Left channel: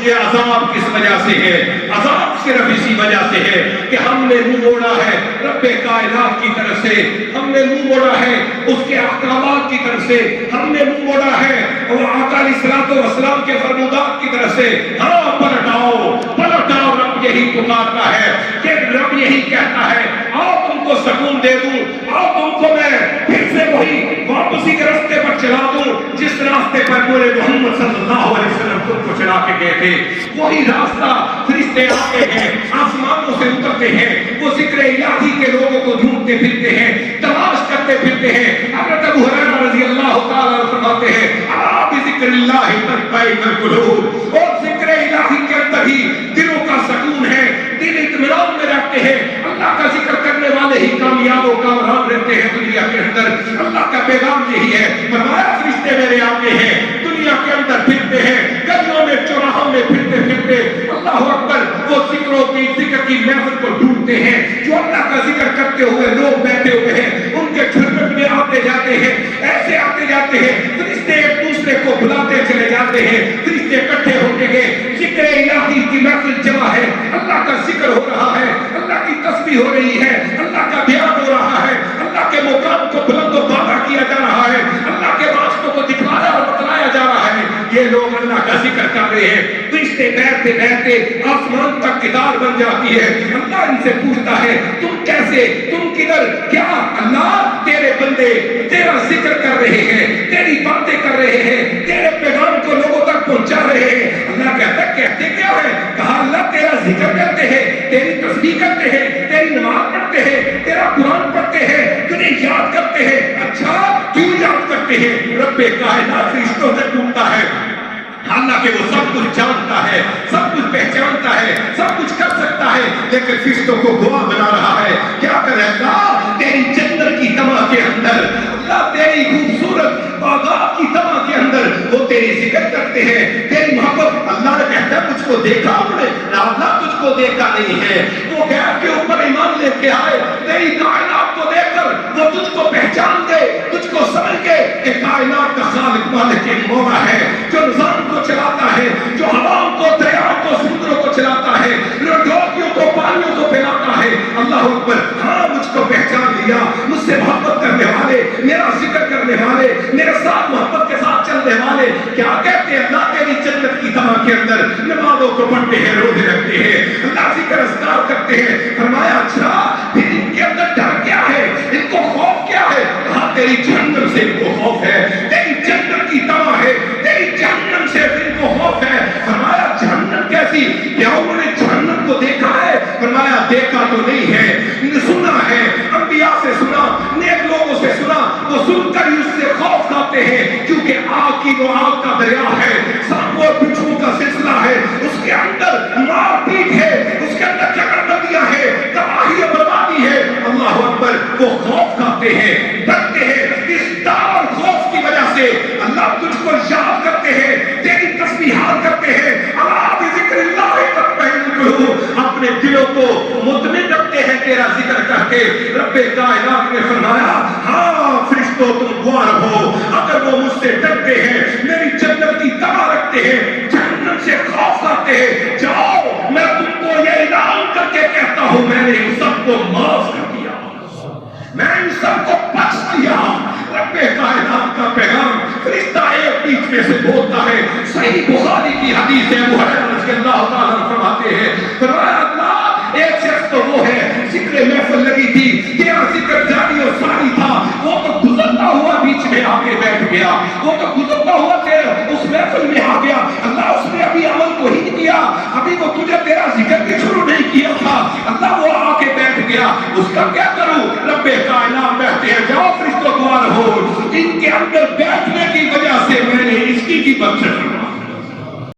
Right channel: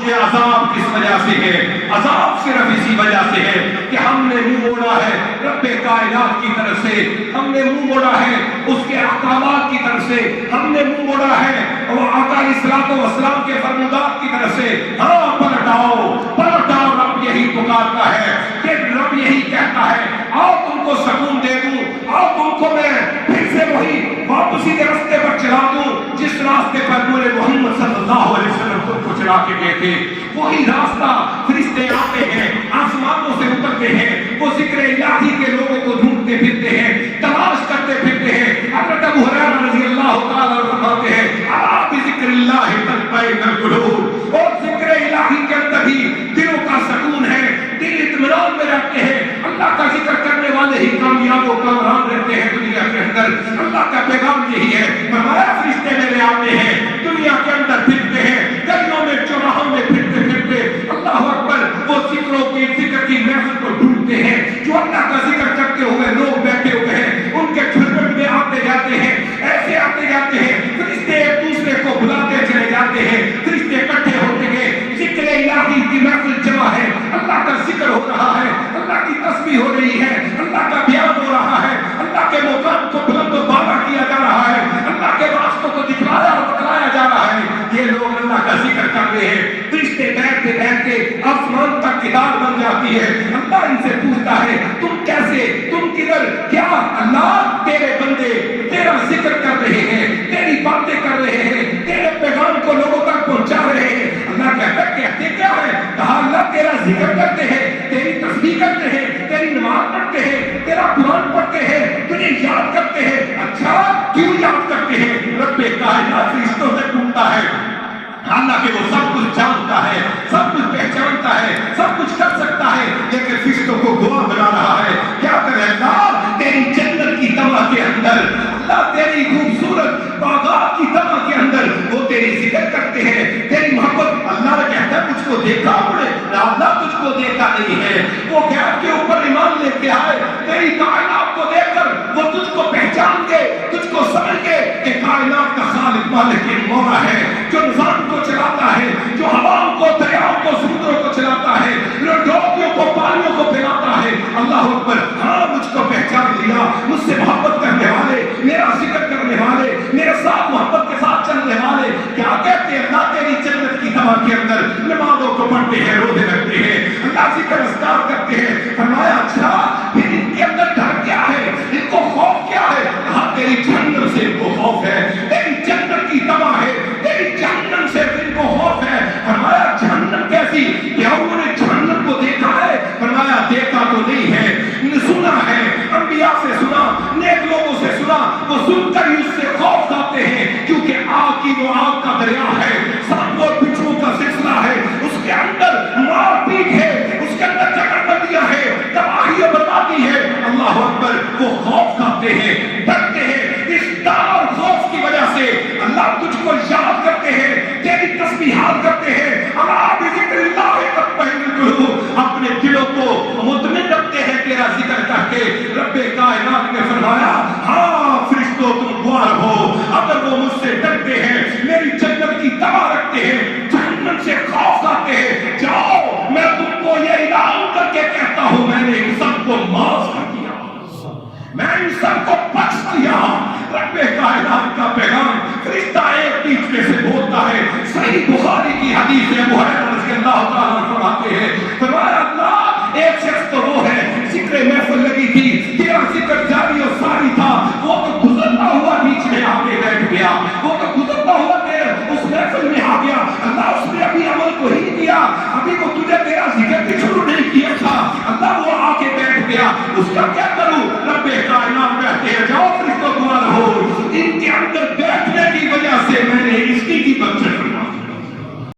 یہ عذاب کس وجہ سے ہے؟ عذاب صرف اسی وجہ سے ہے کہ ہم نے منہ موڑا ہے رب کائنات کی طرف سے، ہم نے منہ موڑا ہے اس کے احکامات کی طرف سے، ہم نے منہ موڑا ہے وہ آقا علیہ الصلوۃ والسلام کے فرمودات کی طرف سے۔ ہاں پلٹ آؤ، رب یہی پکارتا ہے کہ رب یہی کہتا ہے آؤ تم کو سکون دے دوں، آؤ تم کو میں پھر سے وہی واپسی کے راستے پر چلا دوں جس راستے پر پورے محمد صلی اللہ علیہ وسلم خود کو چلا کے گئے تھے۔ وہی راستہ فرشتے آتے ہیں، آسمانوں سے اترتے ہیں، وہ ذکر الہی کے لوگوں کو ڈھونڈتے پھرتے ہیں، تلاش کرتے پھرتے ہیں۔ حضرت ابو ہریرہ رضی اللہ تعالیٰ عنہ فرماتے ہیں الا بذکر اللہ تطمئن القلوب، اور ذکر الہی کے اندر ہی دلوں کا سکون ہے، دل اطمینان میں رہتے ہیں۔ اللہ کا ذکر کرنے والے ہی کامیاب و کامران رہتے ہیں دنیا کے اندر۔ اللہ کا پیغام یہی ہے، فرمایا فرشتے میرے آتے ہیں، دنیا کے اندر پھرتے ہیں، گلیوں میں چوراہوں میں پھرتے پھرتے اللہ اکبر وہ ذکر کی محفل کو ڈھونڈتے ہیں جو اللہ کا ذکر کرتے ہوئے لوگ بیٹھے ہوئے ہیں، ان کے جھرمٹ میں آتے جاتے ہیں، ایسے آتے جاتے ہیں، فرشتے ایک دوسرے کو بلاتے چلے جاتے ہیں، فرشتے اکٹھے ہوتے ہیں، ذکر الہی کی محفل جمع ہے، اللہ کا ذکر ہو رہا ہے، اللہ کی تسبیح ہو رہی ہے، اللہ کا بیان ہو رہا ہے، اللہ کے مقام کو بلند و بالا کیا جا رہا ہے، اللہ کے راستوں کو دکھلایا اور بتلایا جا رہا ہے۔ یہ لوگ اللہ کا ذکر کر رہے ہیں، فرشتے بیٹھتے بیٹھتے آسمان تک کتاب بن جاتی ہے۔ اللہ ان سے پوچھتا ہے تم کیسے، تم کدھر، کیا اللہ تیرے بندے تیرا ذکر کر رہے ہیں، تیری باتیں کر رہے ہیں، تیرے پیغام کو لوگوں تک پہنچا رہے ہیں۔ اللہ کہتا ہے کہتے کیا ہے؟ کہا اللہ تیرا ذکر کرتے ہیں، تیری تسبیح کرتے ہیں، تیری نماز پڑھتے ہیں، تیرا قرآن پڑھتے ہیں، تجھے یاد کرتے ہیں۔ اچھا کیوں یاد کرتے ہیں؟ رب کائنات فرشتوں سے پوچھتا ہے، حالانکہ وہ سب کچھ جانتا ہے، سب کچھ پہچانتا ہے، سب کچھ کر سکتا ہے، لیکن فرشتوں کو گواہ بنا رہا ہے۔ کیا کرے اللہ؟ تیری جنت کی تما کے اندر، اللہ تیری خوبصورت باغات کی تما کے اندر وہ تیری ذکر کرتے ہیں، تیری محبت۔ اللہ کہتا ہے مجھ کو دیکھا انہوں نے؟ اللہ تجھ کو دیکھا نہیں ہے، وہ غیب کے اوپر ایمان لے کے آئے، تیری کائنات کو دیکھ کر وہ تجھ کو پہچان گئے، تجھ کو سمجھ گئے کہ کائنات کا خالق مالک مولا ہے، جو نظام کو چلاتا ہے، جو ہواؤں کو، دریاؤں کو، سمندروں کو چلاتا ہے، جو ڈوبیوں کو، پانیوں کو پھیلاتا ہے۔ اللہ اکبر، ہاں مجھ کو پہچان لیا، مجھ سے محبت کرنے والے، میرا ذکر کرنے والے، میرے ساتھ محبت کے ساتھ چلنے والے کیا کہتے ہیں؟ اللہ تیری جنت کی تما کے اندر نمازوں کو پڑھتے ہیں، روزے رکھتے ہیں، اللہ ذکر اذکار کرتے ہیں۔ فرمایا اچھا پھر ان کے اندر ڈر کیا ہے، ان کو خوف کیا ہے؟ کہا تیری جہنم سے ان کو خوف ہے، تیری جنت کی تما ہے، تیری جہنم سے ان کو خوف ہے۔ فرمایا جہنم کیسی؟ کیا انہوں نے جہنم کو دیکھا ہے؟ فرمایا دیکھا تو نہیں ہے، سنا ہے، انبیاء سے سنا، نیک لوگوں سے سنا، وہ سن کر اس سے خوف کھاتے ہیں، کیونکہ آگ کی وہ آگ کا دریا ہے، سانپ اور بچھو کا سلسلہ ہے، اس کے اندر مار پیٹ ہے، اس کے اندر جگہ بندیاں ہے، تباہی و بربادی ہے۔ اللہ اکبر، وہ خوف کھاتے ہیں، ڈرتے ہیں۔ اس ڈر اور خوف کی وجہ سے اللہ تجھ کو یاد کرتے ہیں، تیری تسبیحات کرتے ہیں۔ الا بذکر اللہ تطمئن القلوب، اپنے دلوں کو مطمئن رکھتے ہیں تیرا ذکر کر کے۔ رب کائنات نے فرمایا ہاں فرشتوں تم گواہ ہو، اگر وہ مجھ سے ڈرتے ہیں، میری جنت کی تما رکھتے ہیں، جہنم سے خوف کھاتے ہیں، جاؤ میں تم کو یہ اعلان کر کے کہتا ہوں میں نے ان سب کو معاف کر دیا، میں ان سب کو بخش دیا۔ رب کائنات کا پیغام فرشتہ ایک بیچ میں سے بولتا ہے۔ صحیح بخاری کی حدیث ہے، ابو ہریرہ رضی اللہ تعالیٰ عنہ فرماتے ہیں، فرمایا اللہ ایک شخص تو وہ ہے ذکر محفل لگی تھی، تیرا ذکر جاری و ساری تھا، وہ تو گزرتا ہوا بیچ میں آ کے بیٹھ گیا، وہ تو گزرتا ہوا تیرے اس محفل میں آ گیا، اللہ اس نے ابھی عمل کو ہی کیا، ابھی وہ تجھے تیرا ذکر بھی شروع نہیں کیا تھا، اللہ وہ آ کے بیٹھ گیا، اس کا کیا